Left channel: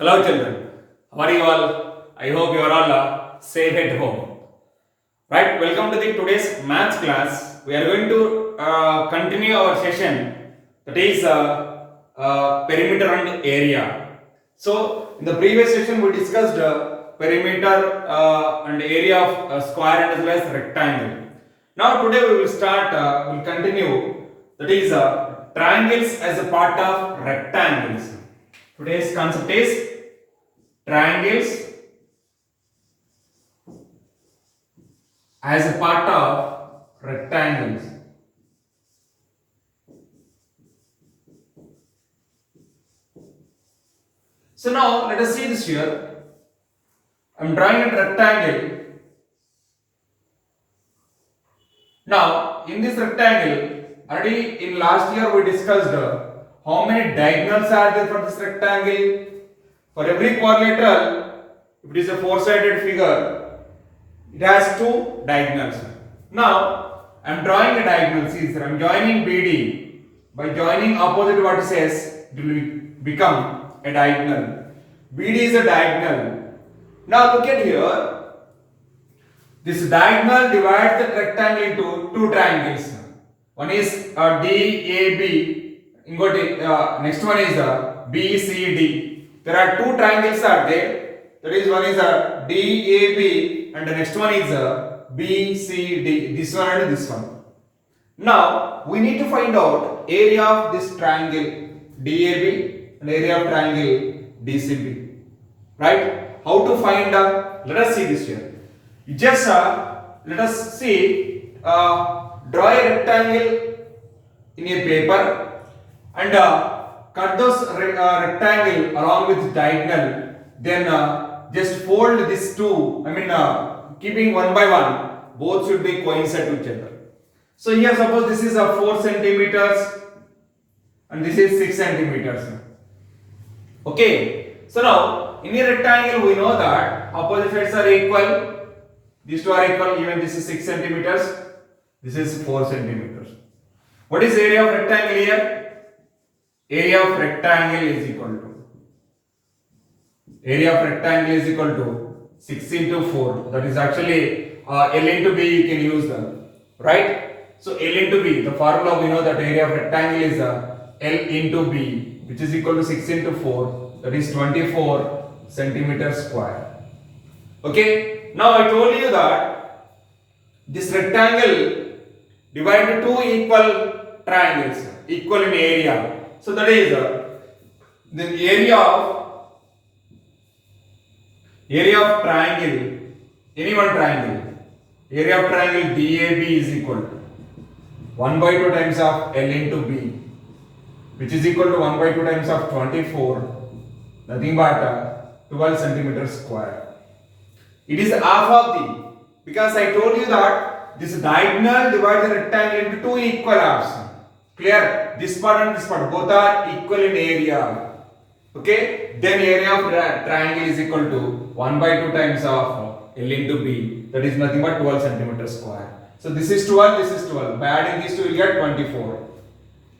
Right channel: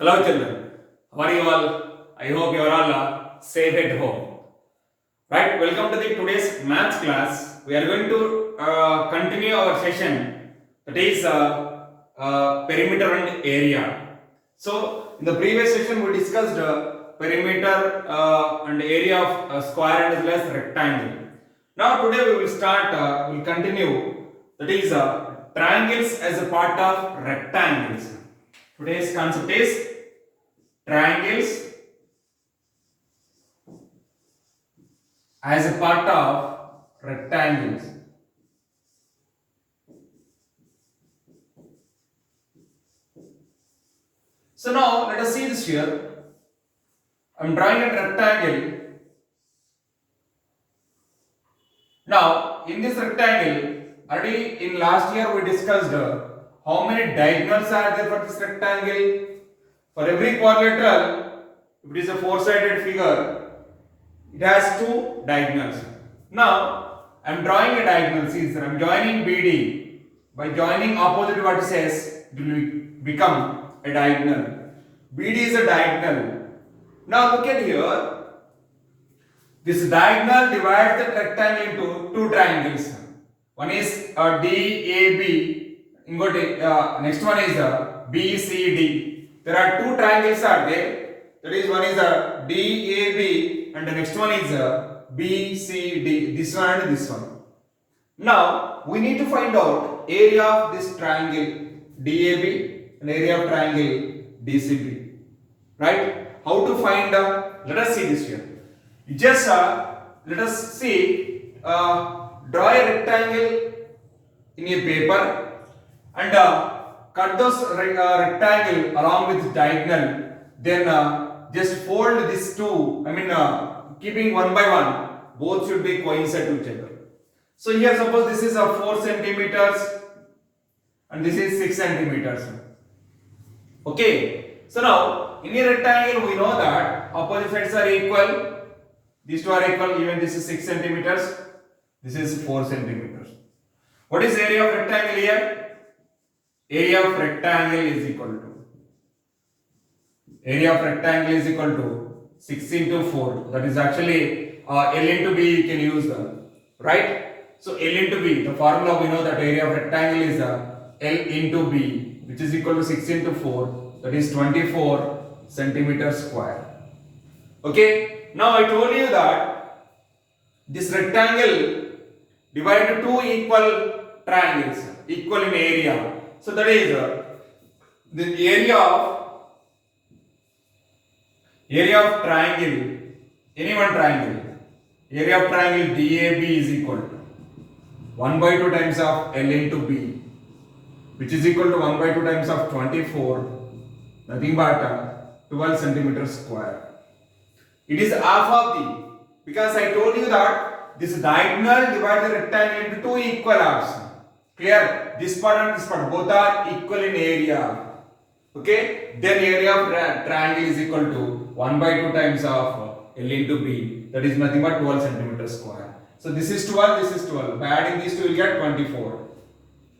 Hello children, how are you all? I hope you are all safe at home. Right, welcome to the today's maths class. We are going to continue our session, that is perimeter and area. So in the previous session we discussed perimeter and area of square and as well as rectangle. Now today we will start, we will continue, that is triangles as a part of rectangles. Today's concept is triangles as a part of rectangles. So now let us see this here. I am drawing a rectangle. Now in this rectangle, already in last year we discussed how many diagonals are there for this rectangle. For every quadrilateral, if it is a four-sided figure, it has two diagonals. Now I am drawing a diagonal. See, sir, I am joining BD. By joining opposite vertices, it will become a diagonal. BD is a diagonal. Now look at here. This diagonal divides the rectangle into two triangles. One is DAB. Next one is BCD. There are two triangles are there. That is, one is DAB and the next one is BCD. This one and this one. Now we need to find out area of this triangle DAB and area of triangle DCB. Right? How to find? Let us see this here. Just let us see. Draw a rectangle in a paper and cut those rectangle along with diagonal. Then just fold these two. Keeping one by one, both should be coincide to each other. So here, suppose this is 4 centimeters and this is 6 centimeters. Okay. So now in a rectangle, we know that opposite sides are equal. These two are equal. Even this is 6 centimeters. This is 4 centimeters. What is area of rectangle here? Area of rectangle is equal to 6 into 4. That is actually L into B you can use right? So L into B, the formula we know that area of rectangle is L into B, which is equal to 6 into 4. That is 24 centimeters square. Okay. Now I told you that this rectangle divided two equal triangles, equal in area. So that is the area of triangle, any one triangle, area of triangle DAB is equal to 1 by 2 times of L into B, which is equal to 1 by 2 times of 24, nothing but 12 centimeters square. It is half of the, because I told you that this diagonal divides the rectangle into two equal halves. Clear? This part and this part, both are equal in area. Okay? Then area of triangle is equal to 1 by 2 times of L into B. That is nothing but 12 centimeters square. So this is 12, this is 12. By adding these two, you will get 24.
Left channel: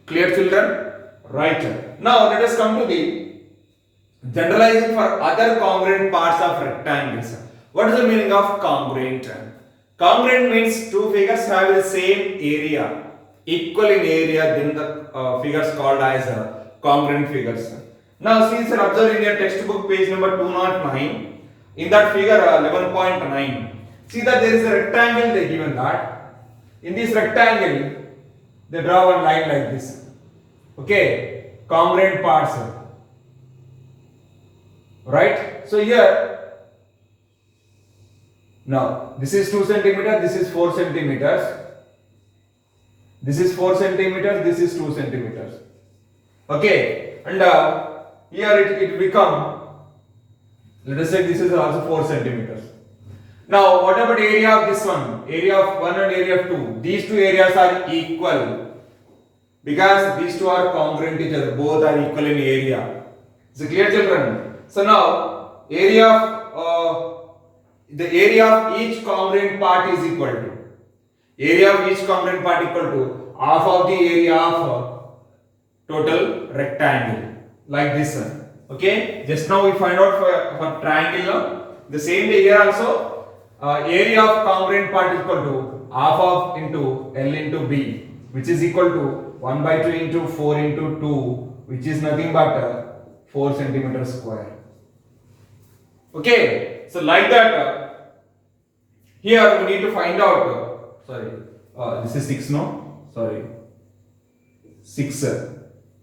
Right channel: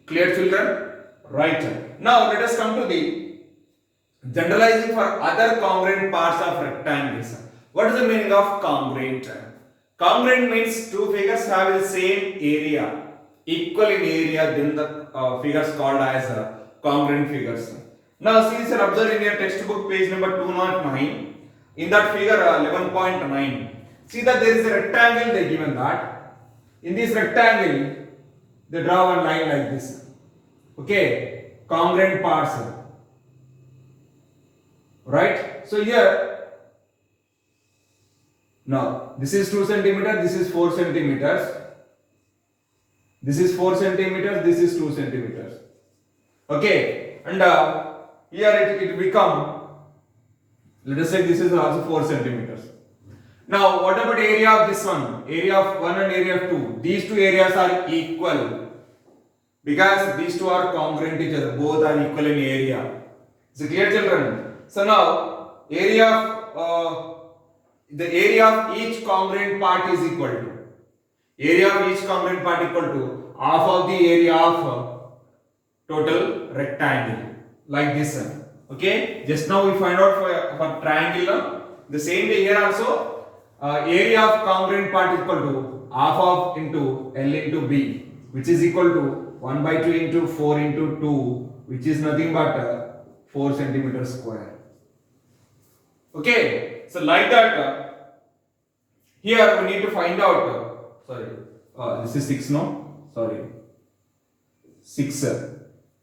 Clear, children? Right. Now let us come to the generalizing for other congruent parts of rectangles. What is the meaning of congruent? Congruent means two figures have the same area, equal in area, then the figures called as congruent figures. Now see, sir, observe in your textbook page number 209, in that figure 11.9, see that there is a rectangle they given that. In this rectangle, they draw one line like this. Okay, congruent parts. Right? So here, now this is 2 centimeters, this is 4 centimeters. This is 4 centimeters, this is 2 centimeters. Okay, and here it become, let us say this is also 4 centimeters. Now what about area of this one? Area of 1 and area of 2. These two areas are equal because these two are congruent to each other. Both are equal in area. Is it clear, children? So now area of the area of each congruent part is equal to, area of each congruent part equal to half of the area of total rectangle, like this one. Okay, just now we find out for triangle. No? The same way here also, area of congruent part is equal to half of into L into B, which is equal to 1 by 2 into 4 into 2, which is nothing but 4 centimeters square. Okay, so like that, here we need to find out, this is 6, no? Sorry, 6. 2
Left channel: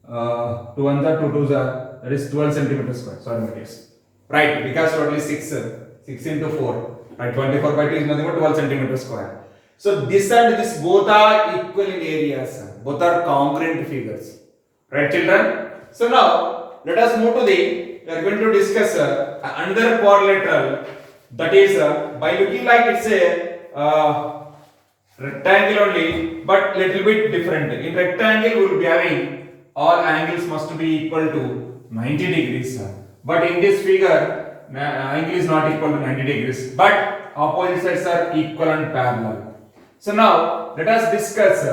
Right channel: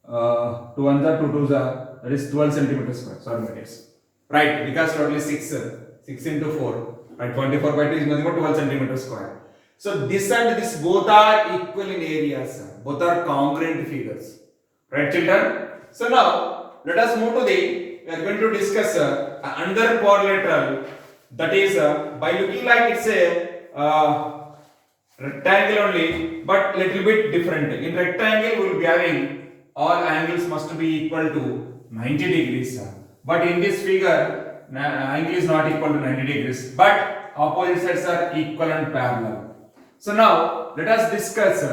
ones are 2 twos are, that is 12 centimeters square. Sorry, my dears. Right, because totally 6 into 4. Right, 24 by 2 is nothing but 12 centimeters square. So this and this both are equal in areas. Both are congruent figures. Right, children? So now let us move to we are going to discuss another quadrilateral. That is by looking like it's a rectangle only, but little bit different. In rectangle we will be having all angles must be equal to 90 degrees. But in this figure, angle is not equal to 90 degrees, but opposite sides are equal and parallel. So now let us discuss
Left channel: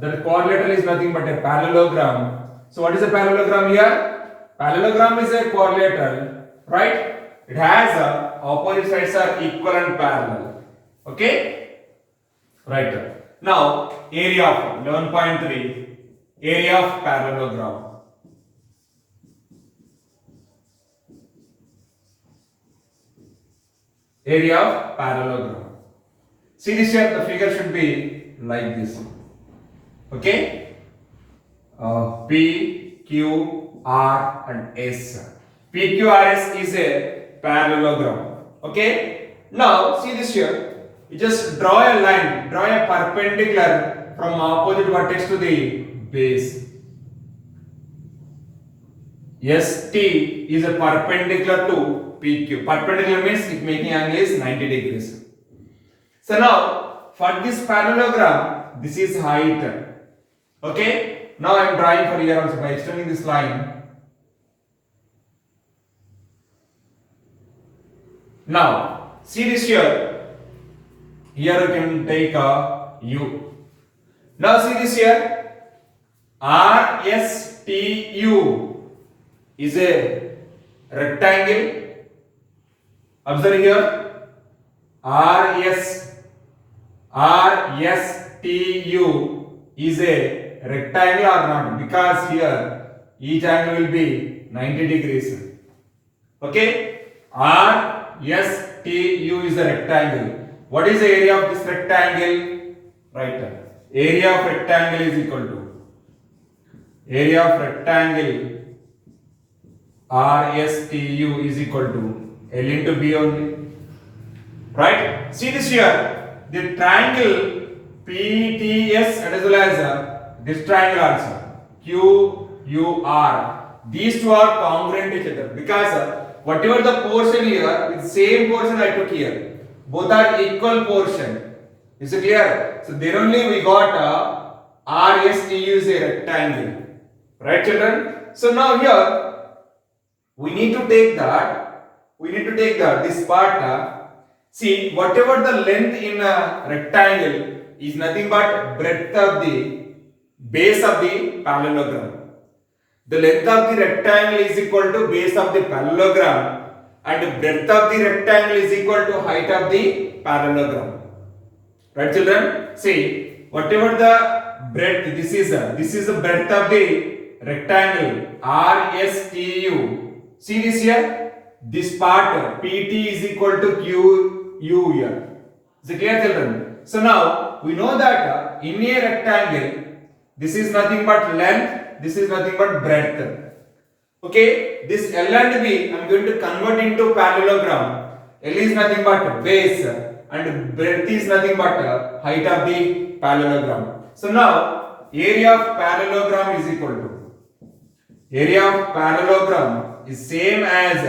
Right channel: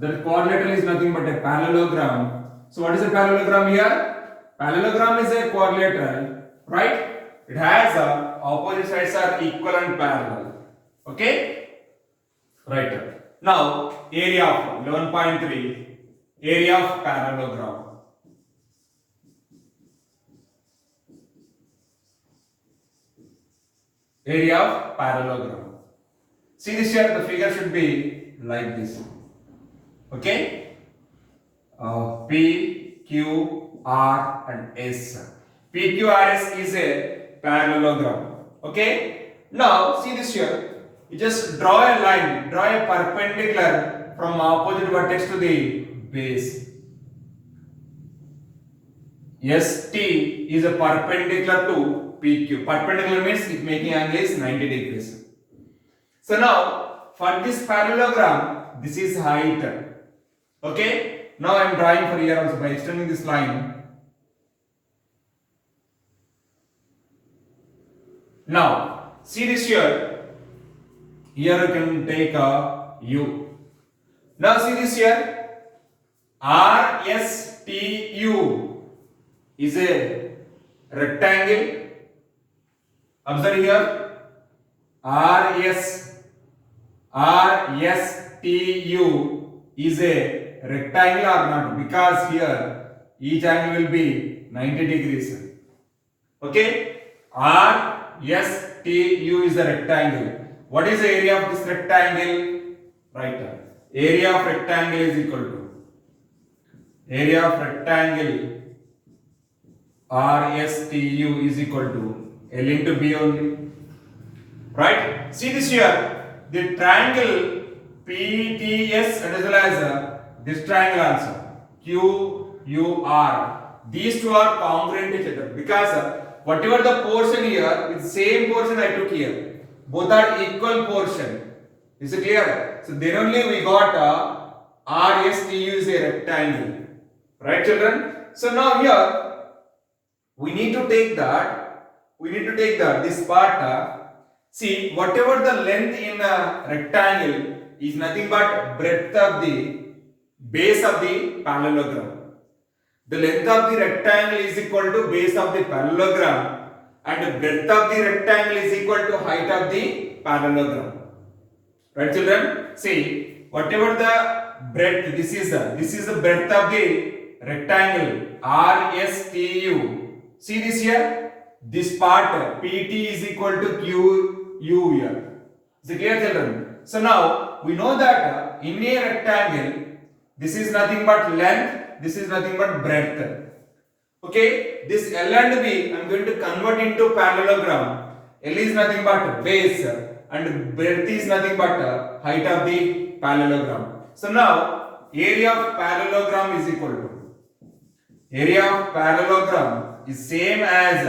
the quadrilateral is nothing but a parallelogram. So what is a parallelogram here? Parallelogram is a quadrilateral, right? It has opposite sides are equal and parallel. Okay? Right. Now area of 11.3. Area of parallelogram. Area of parallelogram. See this here, the figure should be like this. Okay? P, Q, R and S. P, Q, R, S is a parallelogram. Okay? Now see this here. You just draw a line, draw a perpendicular from opposite vertex to the base. ST is a perpendicular to PQ. Perpendicular means it making angle is 90 degrees. So now for this parallelogram, this is height. Okay. Now I am drawing for here also by extending this line. Now see this here. Here you can take a U. Now see this here. RSTU is a rectangle. Observe here. RSTU is a rectangle or not? Because here each angle will be 90 degrees. Okay? RSTU is a rectangle. What is the area of this rectangle? Right. Area of rectangle is equal to area of rectangle RSTU is equal to L into B only. Right? See this here. The triangle PTS and as well as this triangle also QUR. These two are congruent to each other because whatever the portion here, with same portion I took here. Both are equal portion. Is it clear? So there only we got RSTU is a rectangle. Right, children? So now here we need to take this part. See, whatever the length in a rectangle is nothing but breadth of the base of the parallelogram. The length of the rectangle is equal to base of the parallelogram and breadth of the rectangle is equal to height of the parallelogram. Right, children? See, whatever the breadth, this is the breadth of the rectangle RSTU. See this here? This part PT is equal to QU here. Is it clear, children? So now we know that in a rectangle, this is nothing but length, this is nothing but breadth. Okay, this L and B I am going to convert into parallelogram. L is nothing but base and breadth is nothing but height of the parallelogram. So now area of parallelogram is equal to area of parallelogram is same as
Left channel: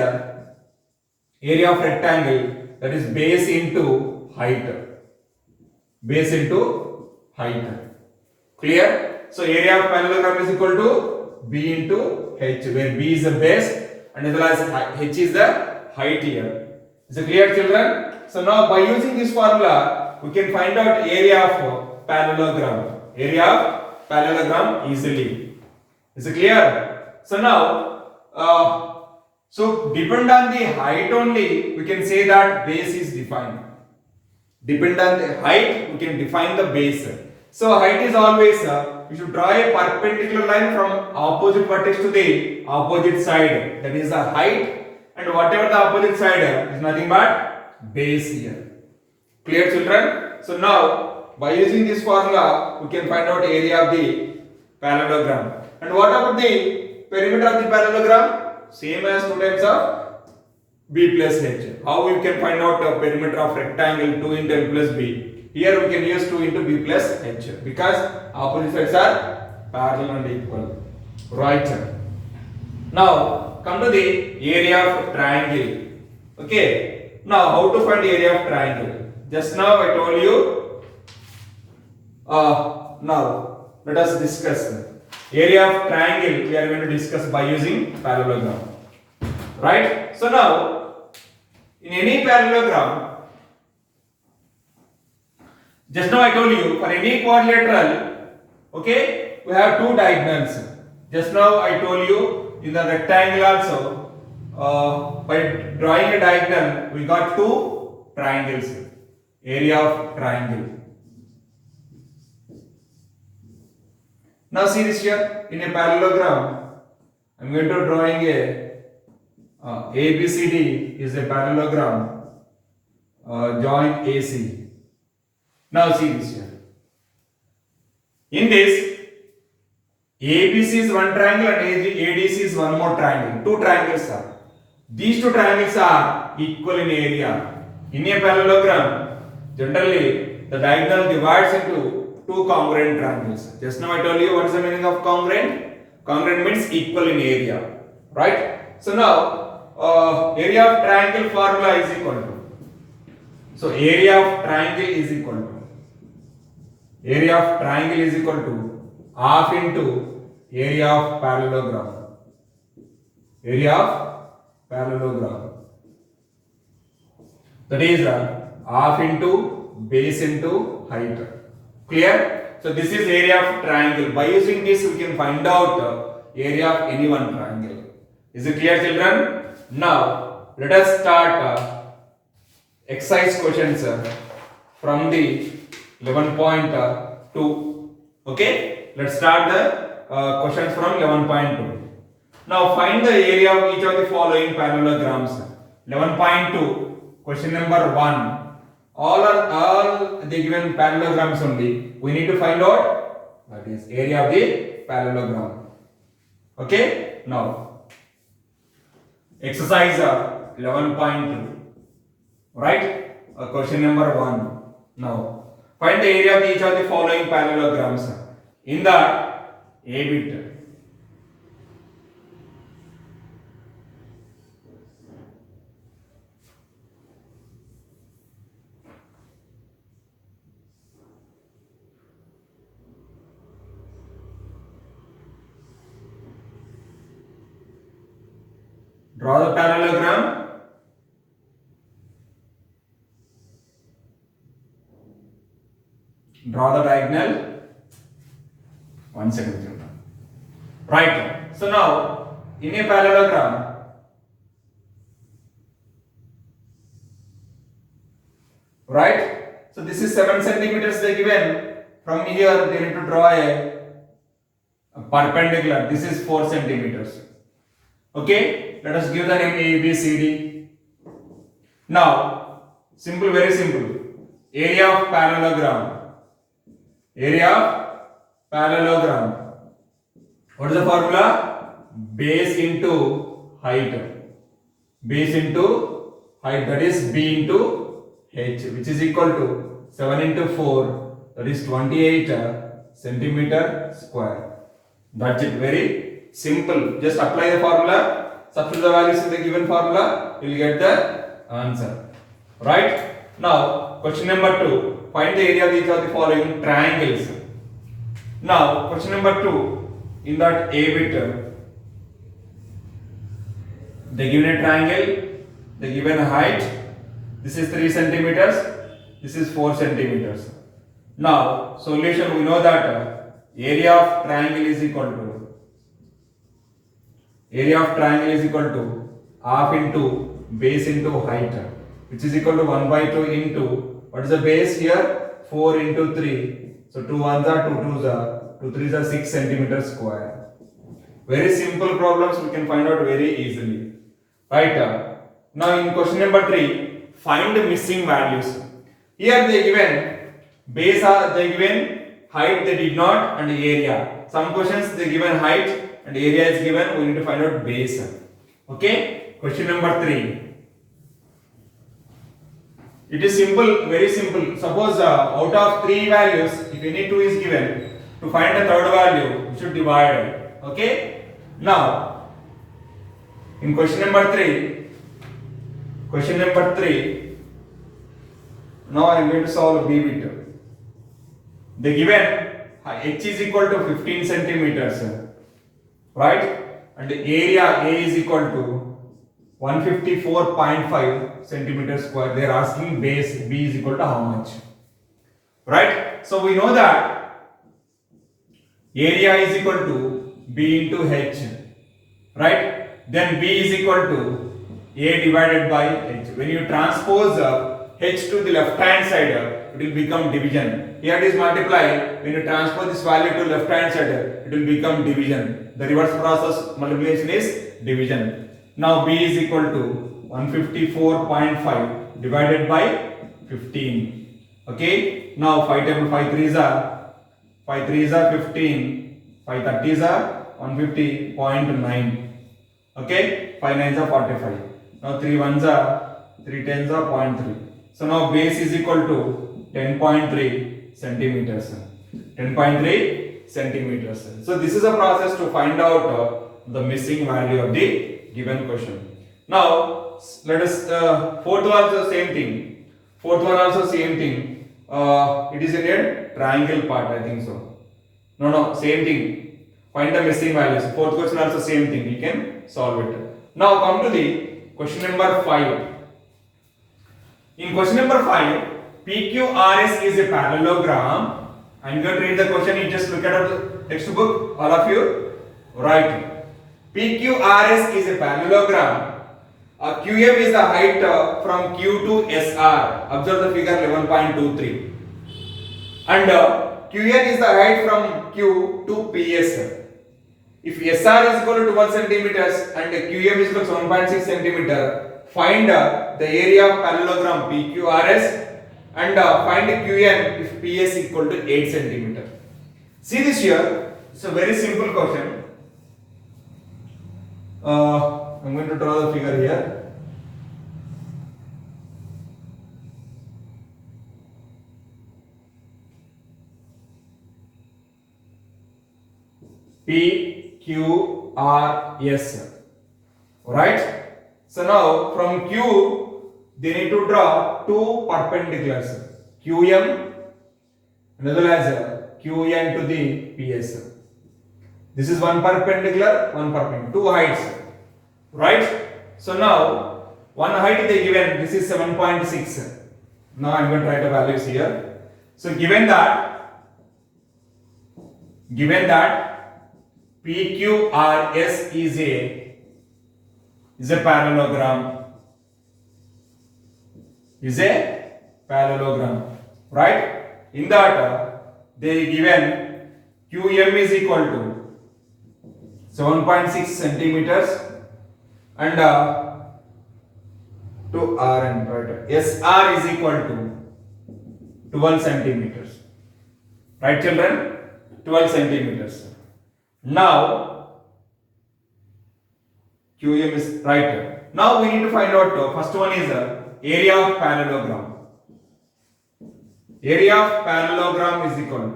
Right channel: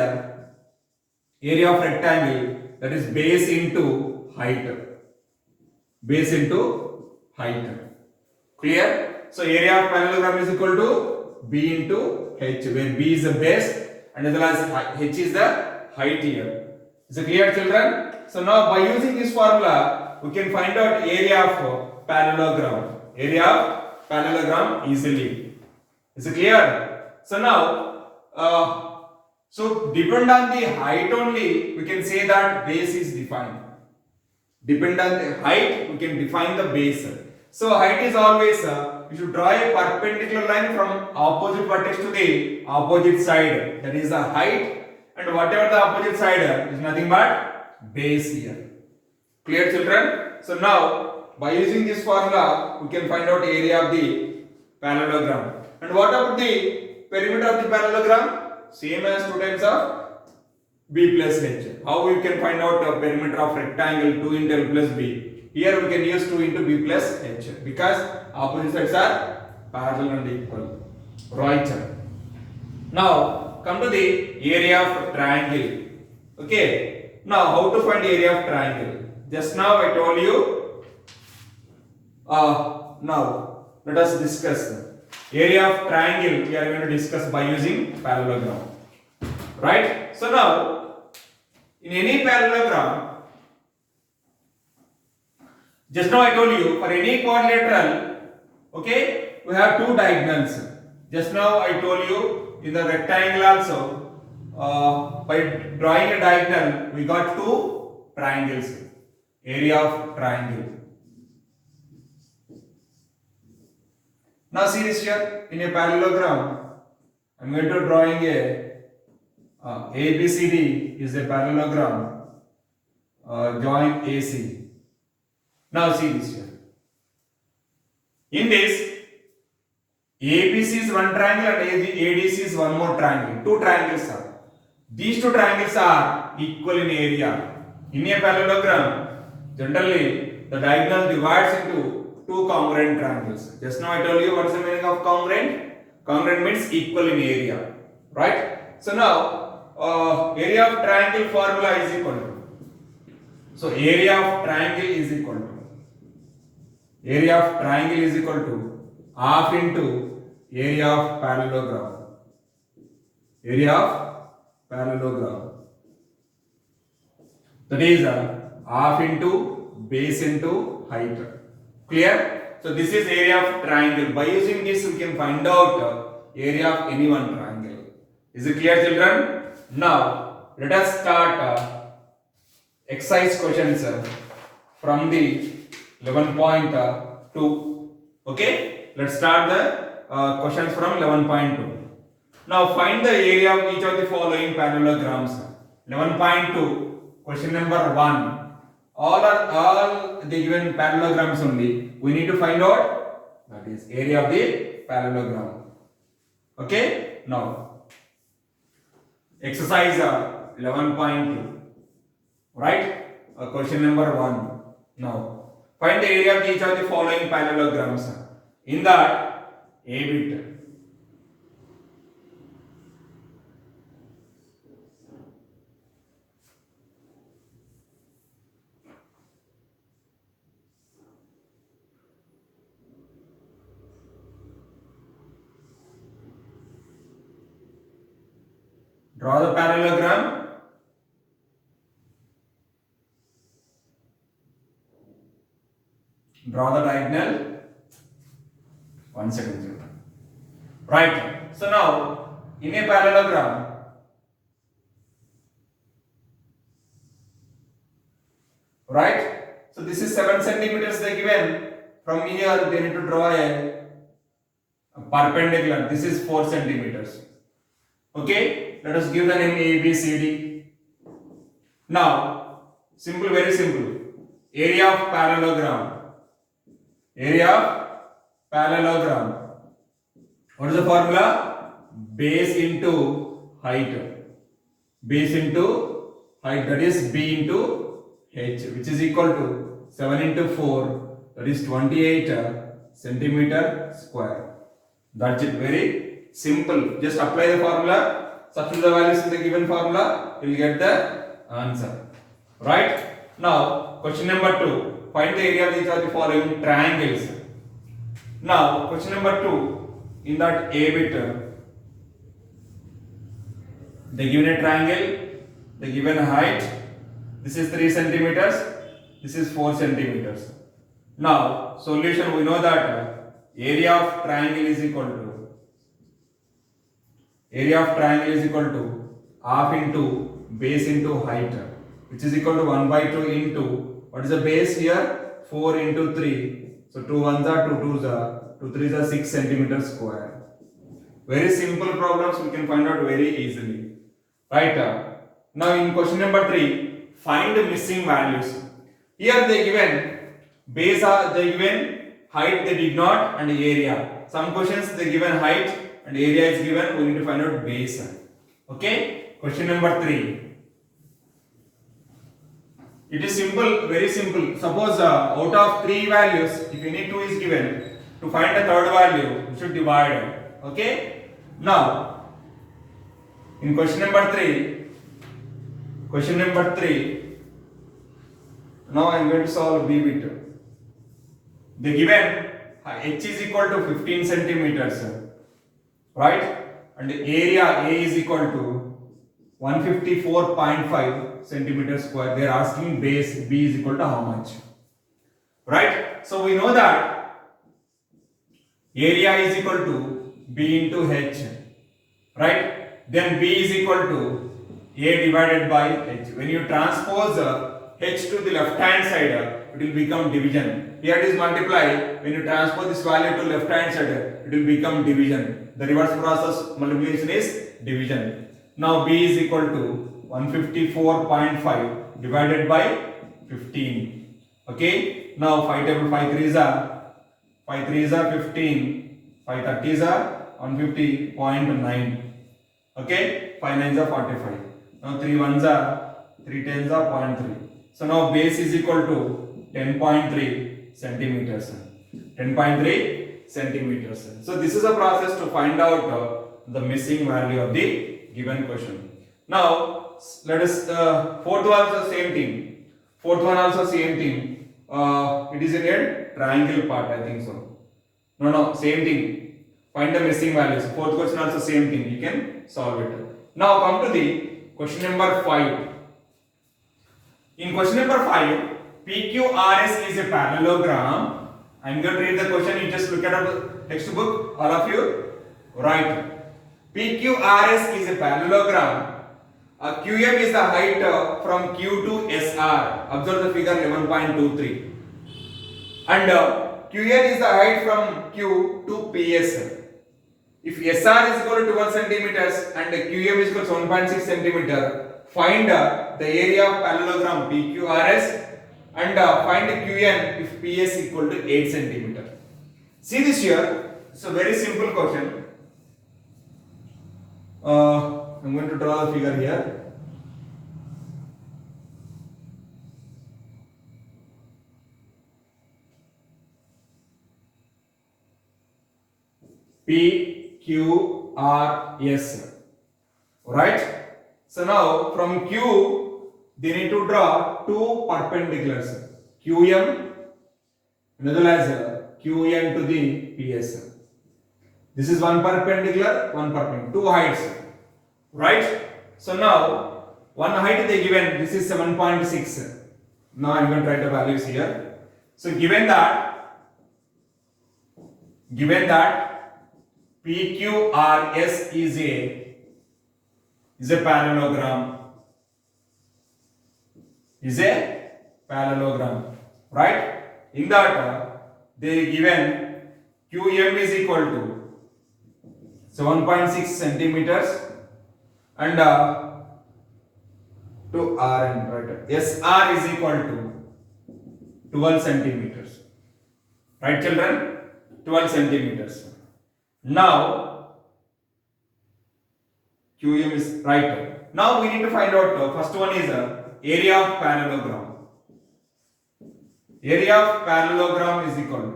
area of rectangle, that is base into height. Base into height. Clear? So area of parallelogram is equal to B into H, where B is the base and as well as H is the height here. Is it clear, children? So now by using this formula, we can find out area of parallelogram. Area of parallelogram easily. Is it clear? So now So depend on the height only, we can say that base is defined. Depend on the height, we can define the base. So height is always, you should draw a perpendicular line from opposite vertex to the opposite side. That is the height, and whatever the opposite side is nothing but base here. Clear, children? So now, by using this formula, we can find out area of the parallelogram. And what about the perimeter of the parallelogram? Same as 2 times of b plus h. How we can find out the perimeter of rectangle 2 into l plus b? Here we can use 2 into b plus h because opposite sides are parallel and equal. Right. Now come to the area of triangle. Okay. Now how to find the area of triangle? Just now I told you. Now let us discuss. Area of triangle we are going to discuss by using parallelogram. Right? So now, in any parallelogram, just now I told you, for any quadrilateral, okay, we have two diagonals. Just now I told you, in the rectangle also, by drawing a diagonal, we got two triangles. Area of triangle. Now see this here, in a parallelogram, I am going to drawing a ABCD is a parallelogram, join AC. Now see this here. In this, ABC is one triangle and ADC is one more triangle. Two triangles are. These two triangles are equal in area. In a parallelogram, generally the diagonal divides into two congruent triangles. Just now I told you what is the meaning of congruent. Congruent means equal in area, right? So now area of triangle formula is equal to. So area of triangle is equal to half into area of parallelogram. Area of parallelogram. That is half into base into height. Clear? So this is area of triangle. By using this we can find out area of any one triangle. Is it clear, children? Now let us start exercise questions from the 11.2. Okay? Let's start the questions from 11.2. Now find the area of each of the following parallelograms. 11.2, question number 1. All the given parallelograms only. We need to find out that is area of the parallelogram. Okay? Now exercise 11.2. Right? Question number 1. Now find the area of each of the following parallelograms. In that, A bit. Draw the parallelogram. Draw the diagonal. 1 second. Right. So now, in a parallelogram, right? So this is 7 centimeters they given. From here, they need to draw a perpendicular. This is 4 centimeters. Okay? Let us give the name A, B, C, D. Now, simple, very simple. Area of parallelogram. Area of parallelogram. What is the formula? Base into height. Base into height, that is B into H, which is equal to 7 into 4, that is 28 centimeter square. That's it, very simple. Just apply the formula. Substitute the values in the given formula, you will get the answer. Right? Now, question number 2. Find the area of each of the following triangles. Now, question number 2. In that A bit, they given a triangle, they given a height. This is 3 centimeters, this is 4 centimeters. Now, solution, we know that area of triangle is equal to half into base into height, which is equal to 1 by 2 into, what is the base here? 4 into 3. So 2 ones are 2 twos are 2 threes are 6 centimeters square. Very simple problems we can find out very easily. Right? Now in question number 3, find the missing values. Here they given base are they given, height they did not, and area. Some questions they given height and area is given. We need to find out base. Okay. Question number 3. It is simple, very simple. Suppose out of 3 values, if any 2 is given, to find the third value, we should divide. Okay. Now, in question number 3, now I am going to solve B bit. The given h is equal to 15 centimeters, right? And the area A is equal to 154.5 centimeters square. They are asking base B is equal to how much, right? So we know that area is equal to B into H, right? Then B is equal to A divided by H. When you transpose H to the left hand side, it will become division. Here it is multiply. When you transpose this value to left hand side, it will become division. The reverse process multiplication is division. Now B is equal to 154.5 divided by 15. Okay. Now 5 table 5 3s are 15. 5 30s are 150.9. Okay. 5 9s are 45. Now 3 1s are 3 10s are 0.3. So now base is equal to 10.3 centimeters. 10.3 centimeters. So this is a process to find out the missing value of the given question. Now let us fourth one also same thing. It is in a triangle part, I think so. No, same thing. Find the missing values. Fourth question also same thing. You can solve it. Now come to the question number 5. In question number 5, PQRS is a parallelogram. I am going to read the question. You just look at the textbook, all of you. Right. PQRS is a parallelogram. QM is the height from Q to SR. Observe the figure 11.23. And QN is the height from Q to PS. If SR is equal to 12 centimeters and QM is equal to 7.6 centimeter, find the area of parallelogram PQRS and find QN if PS equal to 8 centimeter. See this here. It's a very simple question. I'm going to draw the figure here. PQRS. Right? So now from Q, they need to draw two perpendiculars. QM and as well as QN to the PS. This is one perpendicular, two heights. Right? So now one height they given, this is 7.6. Now I am going to write the values here. So given that PQRS is a parallelogram, right? In that they given QM is equal to 7.6 centimeters and to RN, right? SR is equal to 12 centimeters, right children? 12 centimeters. Now QM is right. Now we need to find out first one is area of parallelogram. Area of parallelogram is equal to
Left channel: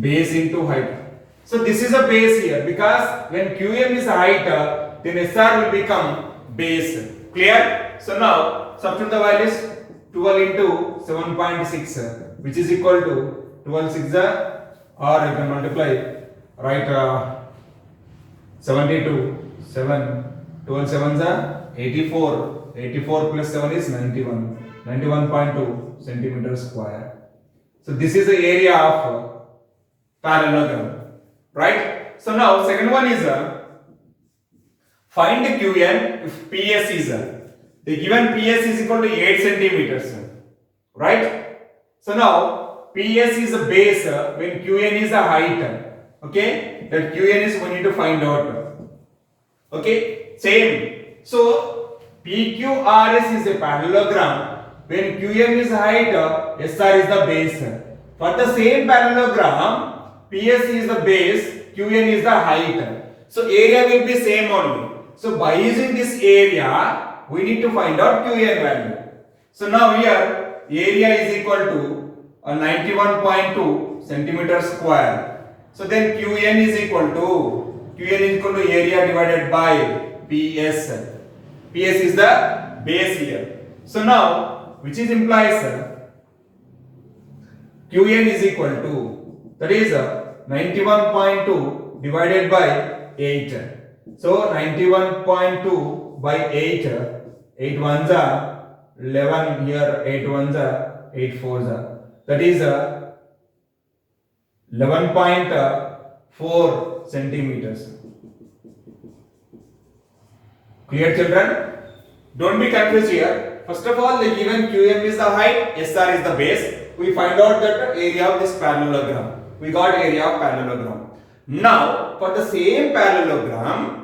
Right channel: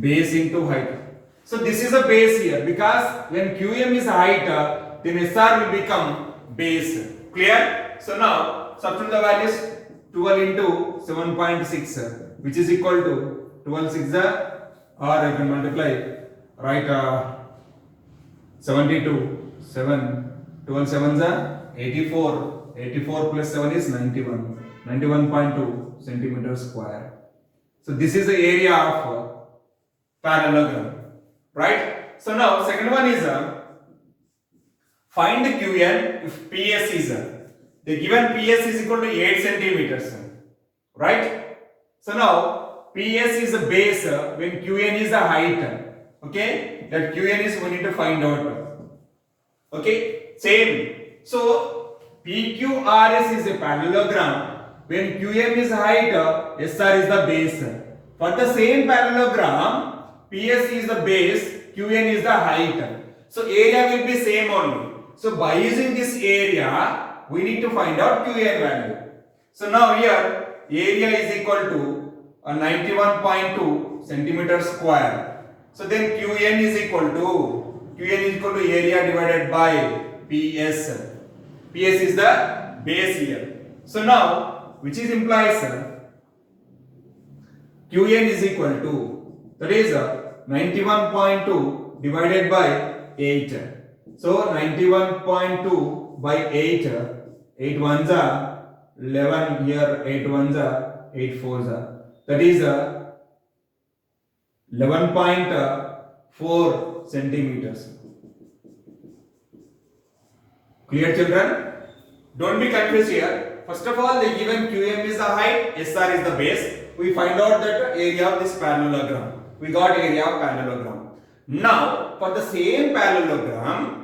base into height. So this is a base here because when QM is height, then SR will become base. Clear? So now substitute the values 12 into 7.6 which is equal to 12 6 or I can multiply, right? 72, 7, 12 7s 84, 84 plus 7 is 91, 91.2 centimeters square. So this is the area of parallelogram, right? So now second one is Find Qn if PS is the given PS is equal to 8 centimeters, right? So now PS is a base when Qn is a height. Okay, that Qn is we need to find out. Okay, same. So PQRS is a parallelogram. When Qm is height, SR is the base. For the same parallelogram, PS is the base, Qn is the height. So area will be same only. So by using this area, we need to find out Qn value. So now here area is equal to 91.2 centimeter square. So then Qn is equal to area divided by PS. PS is the base here. So now which is implies Qn is equal to, that is 91.2 divided by 8. So 91.2 by 8, 8 ones are 11 here, 8 ones are 8 fours are. That is 11.4 centimeters. Clear, children? Don't be confused here. First of all, the given Qm is the height, SR is the base. We find out that area of this parallelogram. We got area of parallelogram. Now, for the same parallelogram,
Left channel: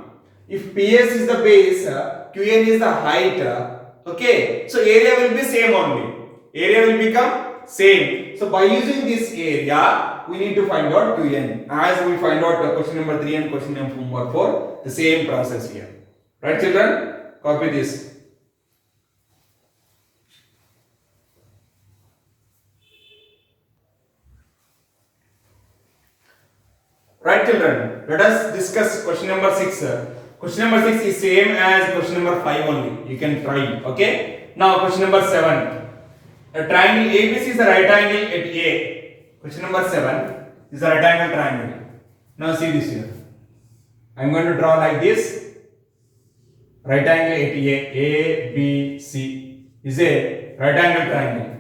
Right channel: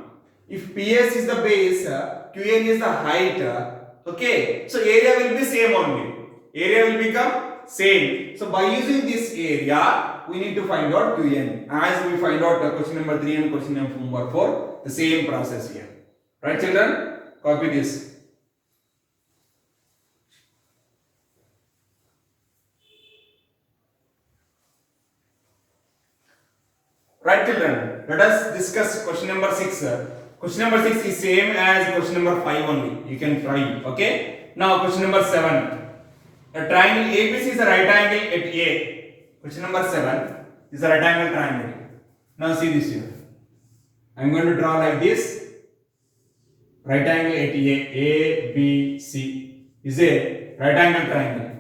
if PS is the base, Qn is the height, okay, so area will be same only. Area will become same. So by using this area, we need to find out Qn. As we find out the question number 3 and question number 4, the same process here. Right, children? Copy this. Right, children? Let us discuss question number 6. Question number 6 is same as question number 5 only. You can try. Okay. Now question number 7. A triangle ABC is a right angle at A. Question number 7 is a right angle triangle. Now see this here. I am going to draw like this. Right angle at A, B, C is a right angle triangle.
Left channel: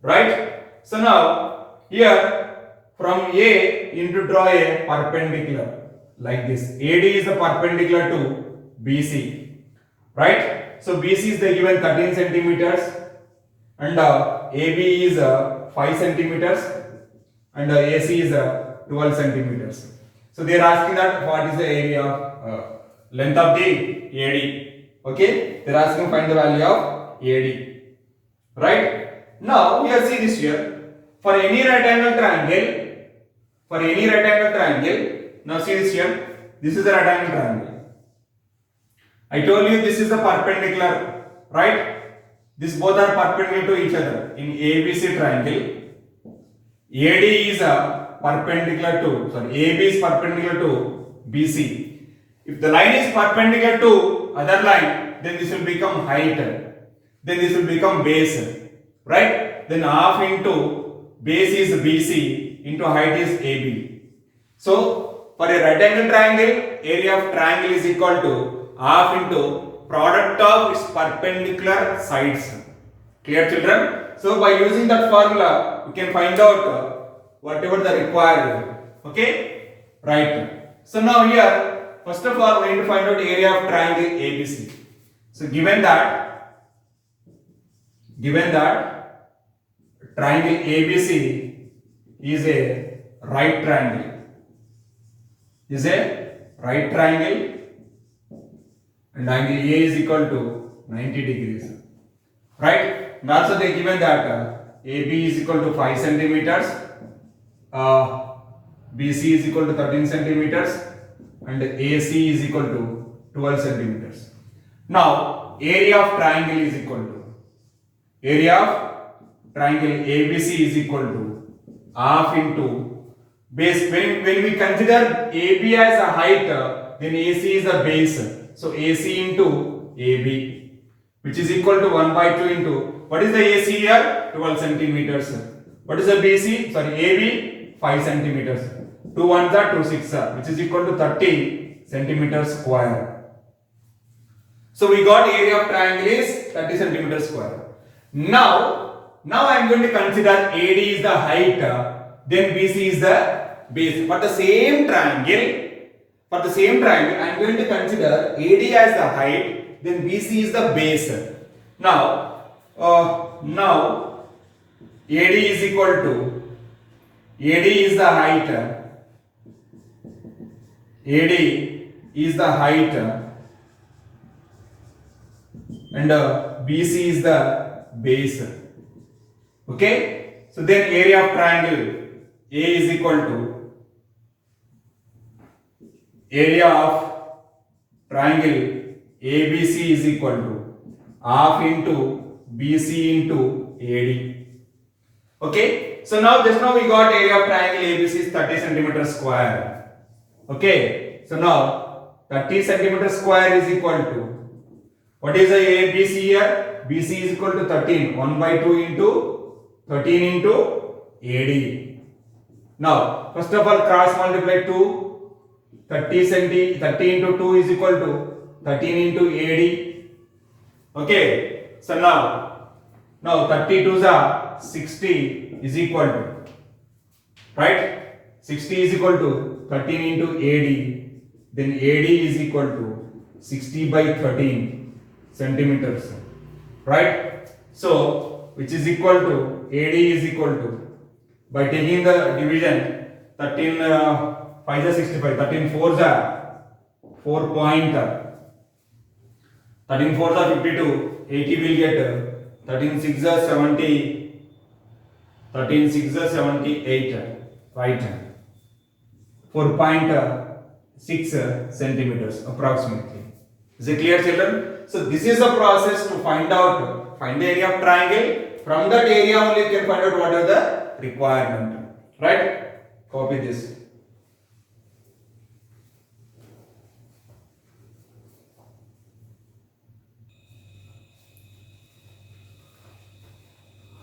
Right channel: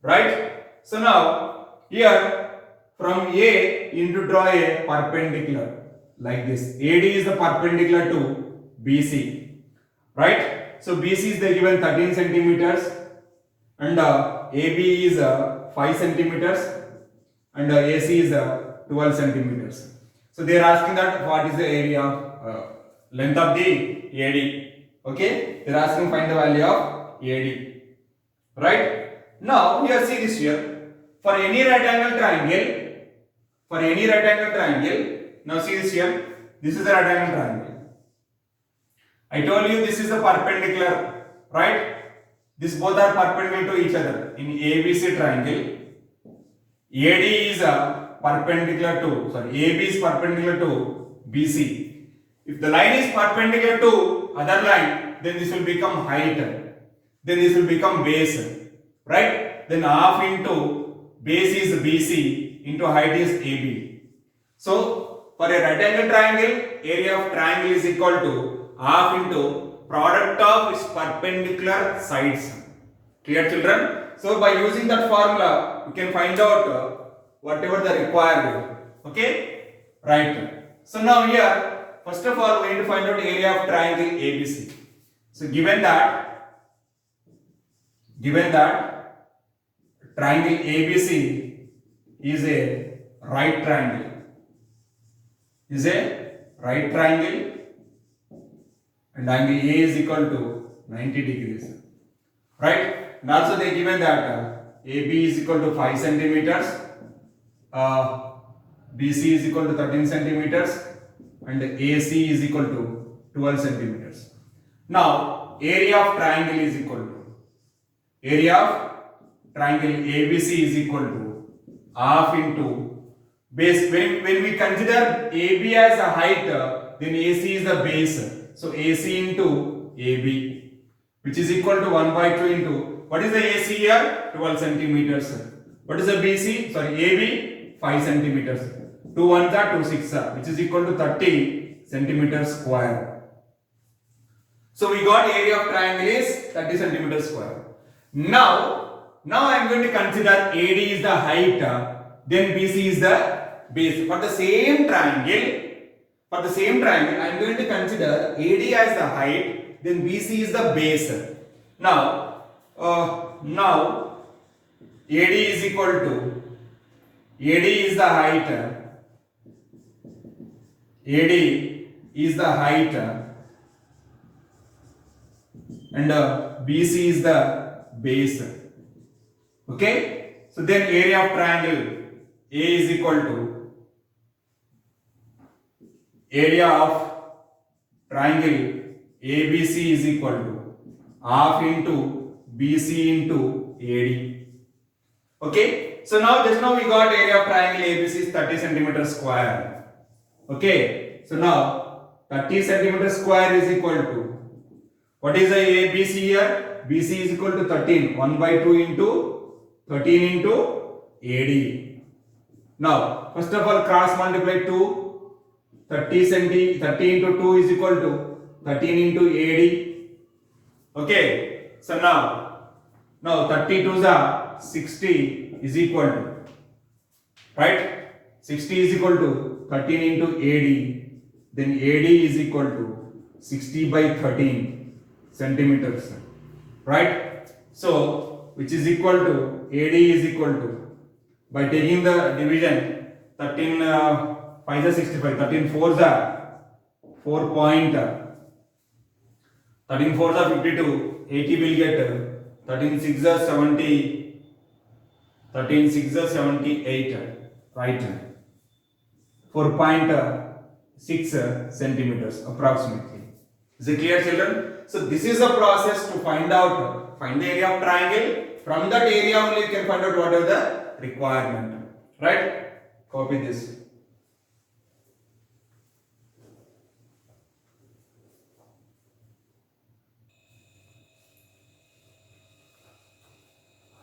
Right? So now here from A you need to draw a perpendicular like this. AD is the perpendicular to BC. Right? So BC is the given 13 centimeters and AB is 5 centimeters and AC is 12 centimeters. So they are asking that what is the area length of the AD. Okay, they are asking find the value of AD. Right? Now here see this here. For any right angle triangle, now see this here. This is the right angle triangle. I told you this is the perpendicular, right? These both are perpendicular to each other. In ABC triangle, AD is perpendicular to, AB is perpendicular to BC. If the line is perpendicular to other line, then this will become height. Then this will become base. Right? Then half into base is BC into height is AB. So for a right angle triangle, area of triangle is equal to half into product of its perpendicular sides. Clear, children? So by using that formula, we can find out whatever the required. Okay? Right. So now here, first of all, we need to find out area of triangle ABC. So given that triangle ABC is a right triangle, and angle A is equal to 90 degrees. Right? And also they given that AB is equal to 5 centimeters, BC is equal to 13 centimeters, and AC is equal to 12 centimeters. Now, area of triangle is equal to, ABC is equal to half into base. When we consider AB as a height, then AC is the base. So AC into AB, which is equal to 1 by 2 into, what is the AC here? 12 centimeters. What is the BC? AB? 5 centimeters. 2 ones are 2 6 are, which is equal to 30 centimeters square. So we got area of triangle is 30 centimeters square. Now I am going to consider AD is the height, then BC is the base. For the same triangle, For the same triangle, I am going to consider AD as the height, then BC is the base. Now AD is equal to, AD is the height, AD is the height, and BC is the base. Okay, so then area of triangle A is equal to, area of triangle ABC is equal to half into BC into AD. Okay, so just now we got area of triangle ABC is 30 centimeters square. Okay, so now 30 centimeters square is equal to, what is the ABC here? BC is equal to 13, 1 by 2 into 13 into AD. Now, first of all, cross multiply 2, 30 into 2 is equal to 13 into AD. Okay, so now 32 is 60 is equal to, right? 60 is equal to 13 into AD, then AD is equal to 60 by 13 centimeters, right? So, which is equal to, AD is equal to, by taking the division, 13 5 is 65, 13 4 is 4 point, 13 4 is 52, 80 will get 13 6 is 70, 13 6 is 78, right? 4.6 centimeters approximately. Is it clear, children? So this is a process to find the area of triangle. From that area only you can find out what are the requirement, right? Copy this.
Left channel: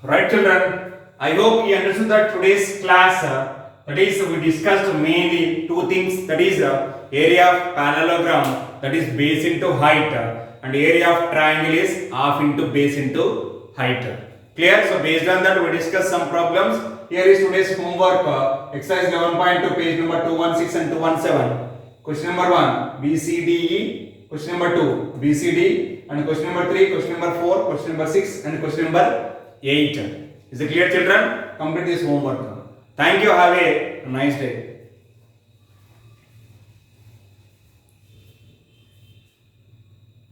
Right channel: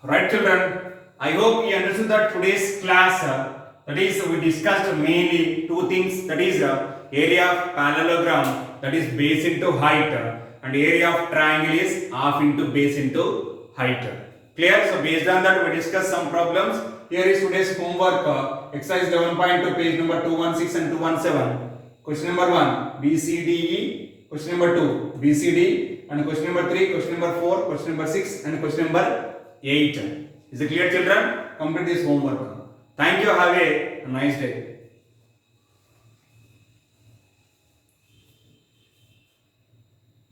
Right, children? I hope you understood that today's class, that is, we discussed mainly two things, that is area of parallelogram, that is base into height, and area of triangle is half into base into height. Clear? So based on that we discussed some problems. Here is today's homework, exercise 11.2, page number 216 and 217. Question number 1, BCDE, question number 2, BCD, and question number 3, question number 4, question number 6, and question number 8. Is it clear, children? Complete this homework. Thank you. Have a nice day.